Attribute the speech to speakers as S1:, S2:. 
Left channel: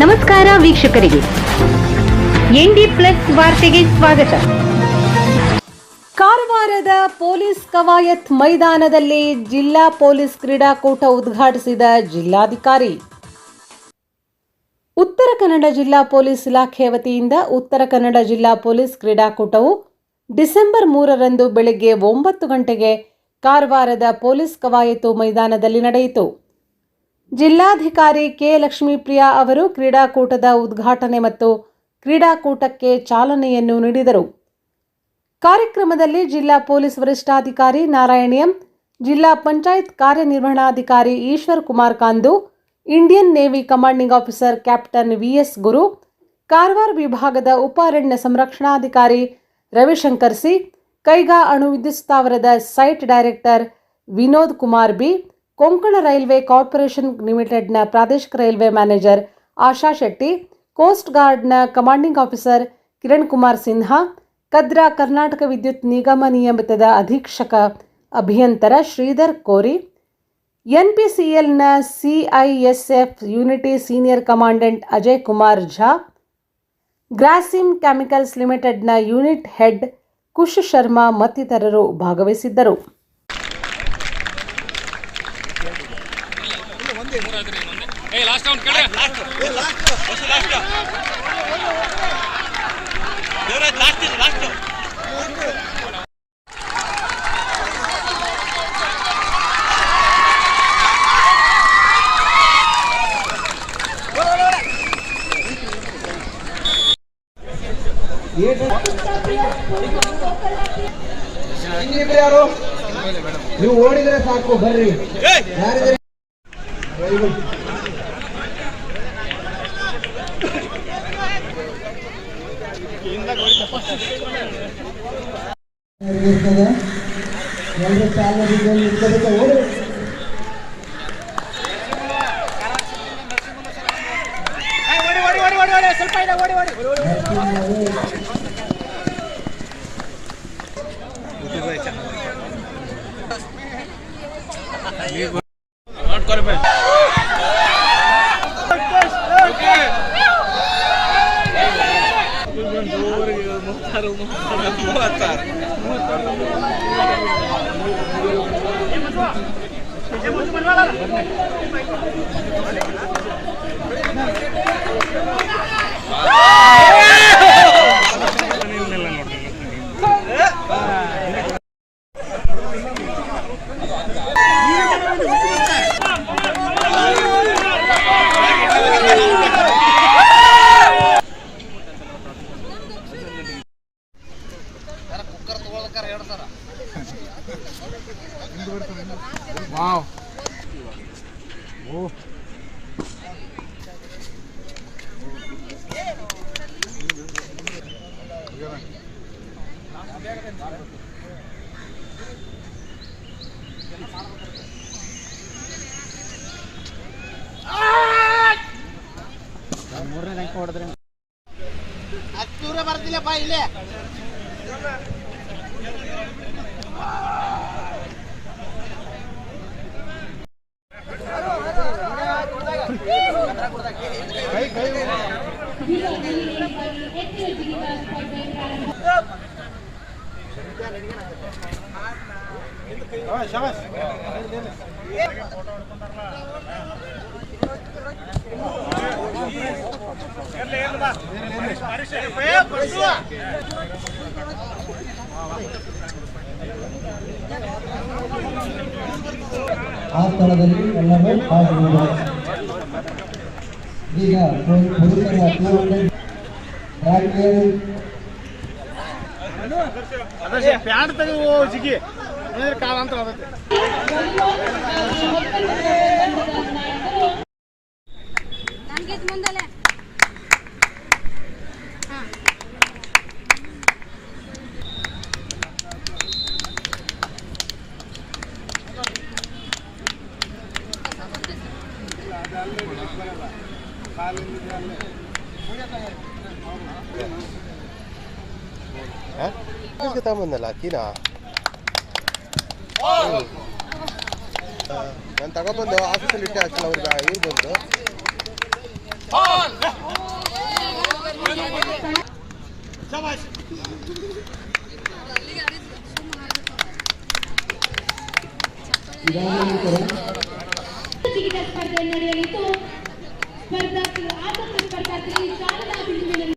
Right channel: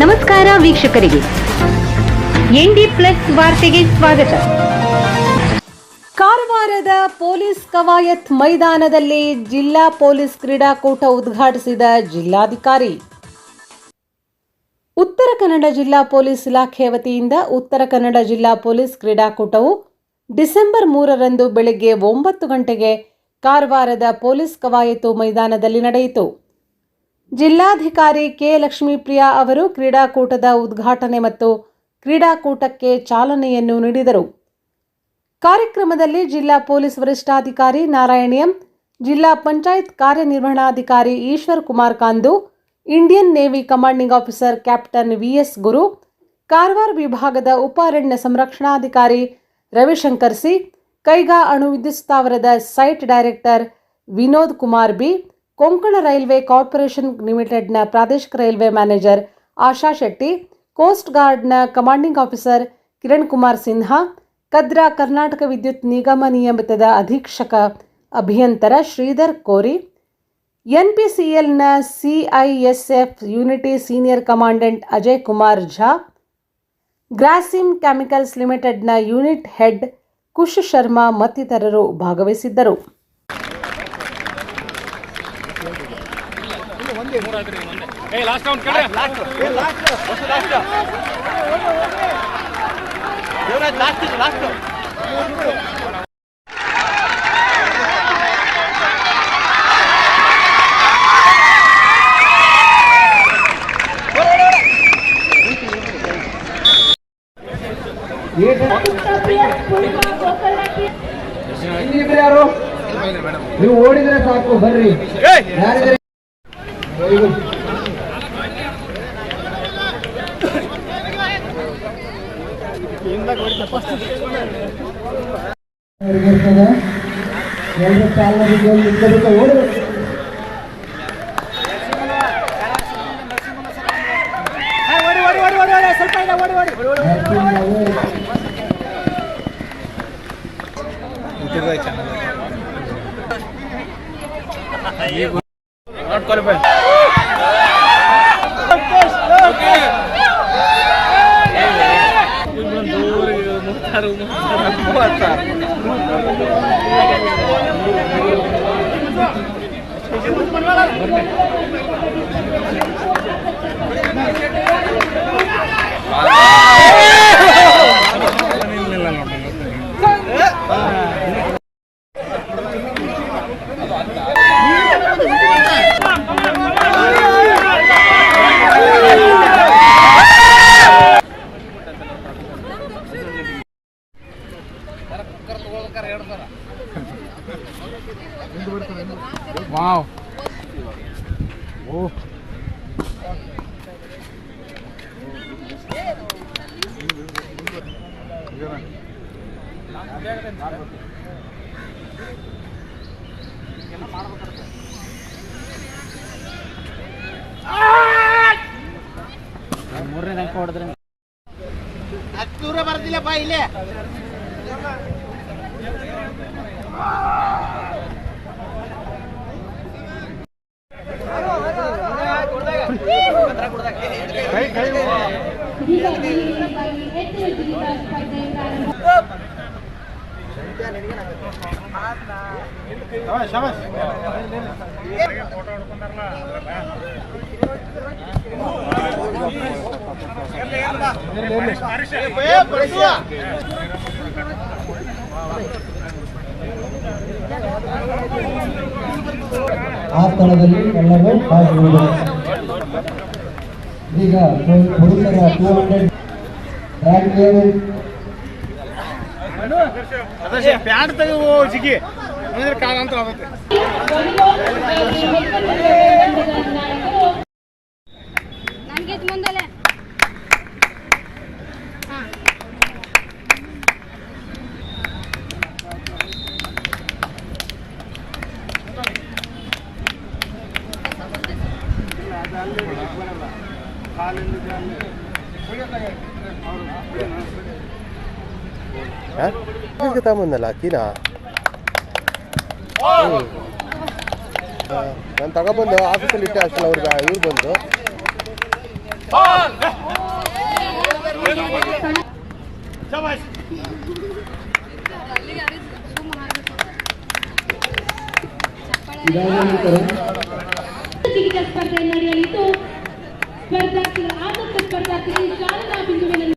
S1: ನಮಸ್ಕಾರ ವೀಕ್ಷಕರಿಗೆ. ND plus ವಾರ್ತೆಗೆ ಸ್ವಾಗತ.
S2: ಕಾರವಾರದ ಪೊಲೀಸ್ ಕವಾಯತ್ ಮೈದಾನದಲ್ಲಿ ಜಿಲ್ಲಾ ಪೊಲೀಸ್ ಕ್ರೀಡಾಕೂಟ ಉದ್ಘಾಟಿಸಿದ ಜಿಲ್ಲಾಧಿಕಾರಿ. ಉತ್ತರ ಕನ್ನಡ ಜಿಲ್ಲಾ ಪೊಲೀಸ್ ಇಲಾಖೆ ವತಿಯಿಂದ ಉತ್ತರ ಕನ್ನಡ ಜಿಲ್ಲಾ ಪೊಲೀಸ್ ಕ್ರೀಡಾಕೂಟವು ಡಿಸೆಂಬರ್ ಮೂರರಂದು ಬೆಳಗ್ಗೆ ಒಂಬತ್ತು ಗಂಟೆಗೆ ಕಾರವಾರದ ಪೊಲೀಸ್ ಕವಾಯತು ಮೈದಾನದಲ್ಲಿ ನಡೆಯಿತು. ಜಿಲ್ಲಾಧಿಕಾರಿ ಕೆ ಲಕ್ಷ್ಮೀಪ್ರಿಯಾ ಅವರು ಕ್ರೀಡಾಕೂಟದ ಉದ್ಘಾಟನೆ ಮತ್ತು ಕ್ರೀಡಾಕೂಟಕ್ಕೆ ಚಾಲನೆಯನ್ನು ನೀಡಿದರು. ಕಾರ್ಯಕ್ರಮದಲ್ಲಿ ಜಿಲ್ಲಾ ಪೊಲೀಸ್ ವರಿಷ್ಠಾಧಿಕಾರಿ ನಾರಾಯಣಿಯಂ ಜಿಲ್ಲಾ ಪಂಚಾಯತ್ ಕಾರ್ಯನಿರ್ವಹಣಾಧಿಕಾರಿ Eshwar Kumar Kandu, Indian navy commanding officer captain VS Guru, Karwar ವಿಭಾಗದ ಉಪ ಅರಣ್ಯ ಸಂರಕ್ಷಣಾಧಿಕಾರಿ ರವಿಶಂಕರ್ ಸಿ, ಕೈಗಾ ಅಣು ವಿದ್ಯುತ್ ಸ್ಥಾವರದ site director Vinod Kumar B Konkan railway corporation ಲಿಮಿಟೆಡ್ನ ಪ್ರಾದೇಶಿಕ railway manager Asha Shetty, coast ಗಾರ್ಡ್ನ commanding officer Kiran Kumar Sinha, Kadra Karnataka ವಿದ್ಯುತ್ ನಿಗಮ ನಿಯಮಿತದ ಅಧೀಕ್ಷಕ ಅಭಿಯಂತರ ಶ್ರೀಧರ್ ಕೋರಿ, ಎನ್ಪಿಸಿಎಲ್ನ CISF unit senior commandant Ajay Kumar Jha Grasim chemicals ಲಿಮಿಟೆಡ್ನ ಯೂನಿಟ್ ಹೆಡ್ ಕುಶ್ ಶರ್ಮಾ ಮತ್ತಿತರರು ಭಾಗವಹಿಸಿದ್ದರು.
S3: ಏ ಲಾಸ್ಟ್ ರೌಂಡ್ ಕಡೆ
S4: ದೇವರಾಜ್ ಲಾಸ್ಟ್ ಇದು ಲಾಸ್ಟ್
S5: ಇನ್ನಿಬ್ರು ಯಾರು? ನೀವು ಓಡಿದ್ರೆ ಸಾಕು, ಬರ್ರಿ. ಯಾರಿದ್ರೆ ಎಲ್ಲರೂ ಕಾಲರಿಗೆ ನಿಂತರಿತ ಓಡಬೇಕು montado, montado, montado, montado.
S4: ದೂರ ಬರ್ತಿಲ್ಲ ಬಾ ಇಲ್ಲೇ
S5: ಆ ಸ್ಥಳದಲ್ಲಿ ಎಲ್ಲರೂ ಭಾಗಿರುವರು ಪುರುಷರ ಟೂ ಹಂಡ್ರೆಡ್
S4: ಪ್ಯಾಂಟ್ ತೆಗೆದು ಜಿಗಿ ಕಾಲ ಅಂತ ಹೋಗುತ್ತೆ
S6: ಇದಕ್ಕೆ ತಗೊಂಬಂದಲ್ಲ ಅಕ್ಕಿನ ನಾನು ತಗೊಬಂದು ಆಫೀಸಲ್ಲಿ ಇಟ್ಟೆ ಅಷ್ಟಲ್ಲ ಅವ್ರಿಗೆ ಇವ್ರು ಬಂದು
S5: ಶಬಾಷ್
S2: ಇದಾದ ಸ್ಪರ್ಧಾರ್ಥಿಗಳು
S7: ಆಟ ಸ್ಪರ್ಧಾರ್ಥಿಗಳು ಶಾರದಾ ಬಿಂದುವಿನ